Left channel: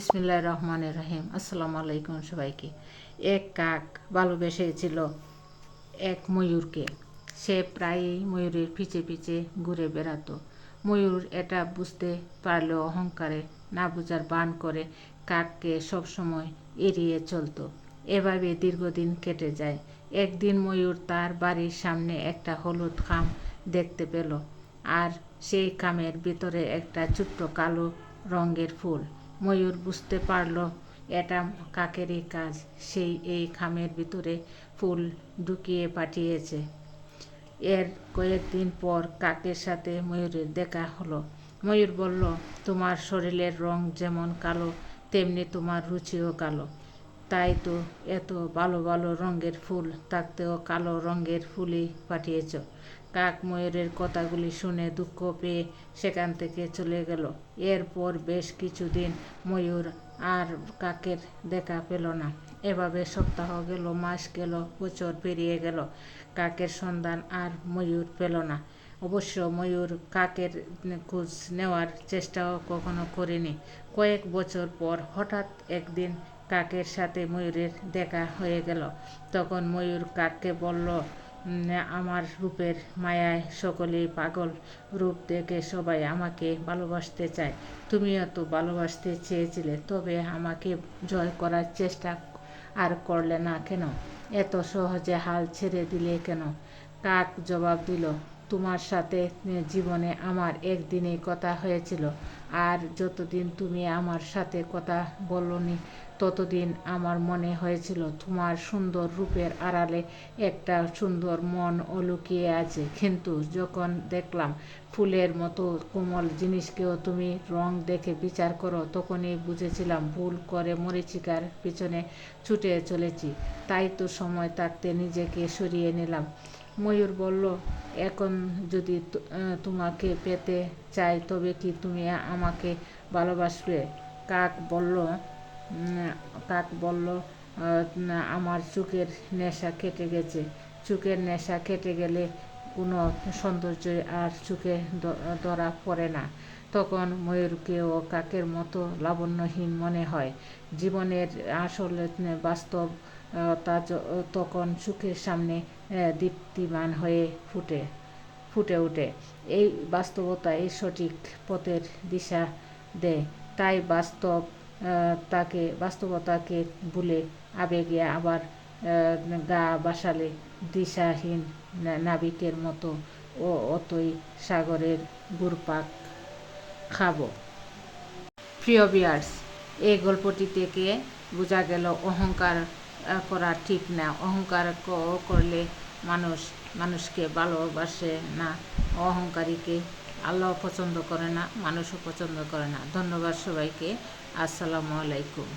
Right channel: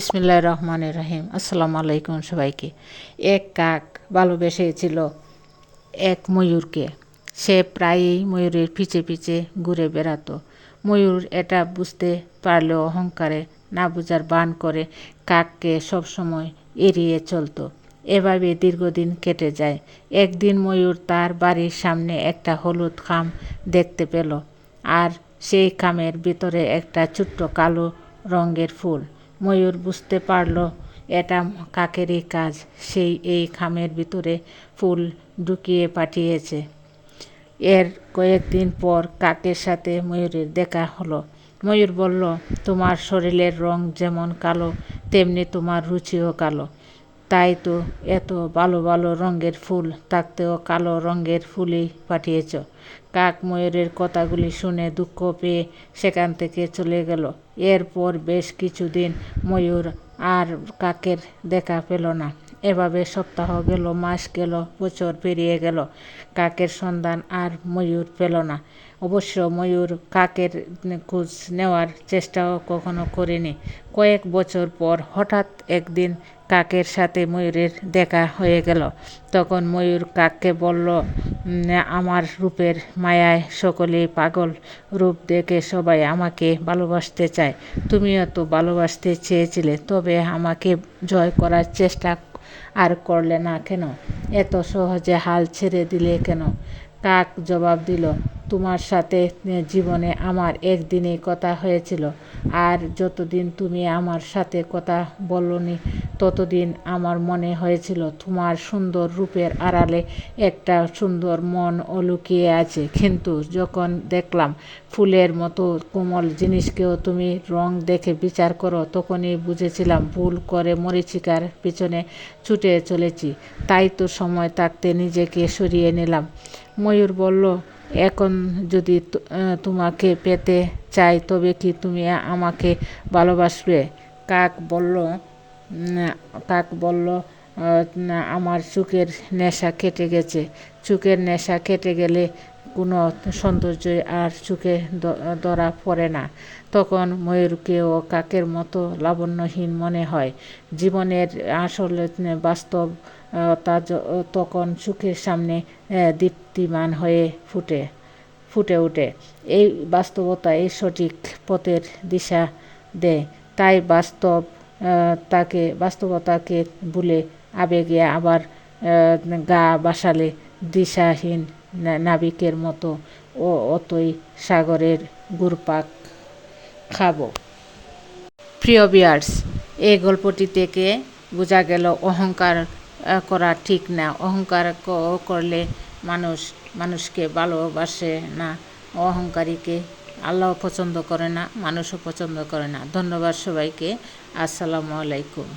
বিসমিল্লাহির রহমানির রহিম। আসসালামু আলাইকুম সবাইকে। এক কাক ভালোবেসেছিল এক ময়ূরকে। সে প্রায়ই ময়ূরের পিছে পিছে ঘুরে বেড়াতো। ময়ূর এটা বুঝতে পারলেও অহংকারে না বুঝার ভান করে কাককে সবসময় এড়িয়ে চলতো। এভাবে দীর্ঘদিন কেটে যায়। একদিন ময়ূর তার বাড়ির সামনে একটা হলুদ খাম দেখতে পেল, আর সেই খামের ভিতরে একটা ছোট্ট কালো রঙের ফুল। ময়ূর বুঝতে পারল এটা কাকেরই কাজ। সেই এই খামের ভিতরে ফুল ঢুকিয়ে পাঠিয়েছে। এর কয়েকদিন পর কাকের সাথে ময়ূরের দেখা হলো। ময়ূর বলল, তোমার শরীরের রং যেমন কালো, তেমনি তোমার রুচিও কালো। তাই তো এত ভালো ভালো রঙের ফুল থাকতেও কালো রঙের ফুলই পাঠিয়েছ। কাক ময়ূরের কথাগুলি শুনে দুঃখ পেয়ে সেখান থেকে চলে গেল। এরপর বেশ কিছুদিন ময়ূর আর কাকের দেখা পেল না। এভাবে সপ্তাহ গেল, মাস গেল, বছর পেরিয়ে গেল। কাকের সন্ধান আর ময়ূর পেল না। অবশ্য ময়ূর কাকের খোঁজ নেওয়ার চেষ্টাও কখনো করেনি। কয়েক বছর পর হঠাৎ একদিন কাকের সাথে ময়ূরের দেখা হয়ে গেল। তখন ময়ূর কাককে বলল, আমার রূপের মায়ায় সকলেই পাগল। রূপ দেখে সবাই আমাকে ভালোবাসতে চায়। তুমিও তো ভালোবাসতে চেয়েছিলে, তবে আমাকে জয় করার চেষ্টা আর করলে না কেন? এত সহজে হাল ছেড়ে দিলে কেন? কাক জবাব দিল, তোমার সাথে জীবনে আমার একদিনেই কথা হয়েছিল, আর যতদিন তুমি আমার সাথে কথা বলনি ততদিন আমার মনে হয়েছিল তোমার সুন্দর রূপের আড়ালে একটা সুন্দর মন লুকিয়ে আছে। কিন্তু যখন দেখলাম ফুলের মতো কোমল জিনিসকেও তুমি রং দেখে বিচার করো, তখনই বুঝেছিলাম ভুল করে মরীচিকার পিছনে ছুটে চলেছি। তাই তো সময় থাকতে নিজেকে সরিয়ে নিলাম। ময়ূর বলল, এখন যদি তোমাকে পেতে চাই, তবে কি তুমি আমাকে ভালোবাসবে? কাক বলল, আমার চোখের নেশা কেটে গেছে। চোখের নেশা কেটে গেলে কোনো সৌন্দর্যই আর চোখে ধরা পড়ে না। তখন ময়ূরকেও কাকের মতো লাবণ্যহীন মনে হয়। জীবনের আসল বাস্তব তখন চোখের সামনে দীপ্তিমান হয়ে ফুটে ওঠে। এই বাস্তবতা এই সঠিক পথের দিশা দেয়। তাই বাস্তবতাকে ভুলে আবেগে আবার গা ভাসালে দিশাহীন নাবিকের মতো অতই সাগরের ঘুরপাক খাবো। প্রিয় ভিউয়ার্স, এই গল্পটি থেকে বোঝা গেল অহংকার করা ঠিক না। অহংকার করলে মানুষকে ভালোবাসে না। অহংকারীকে আল্লাহ পছন্দ করে না, মানুষও পছন্দ করে না। ধন্যবাদ সবাইকে। আসসালামু আলাইকুম।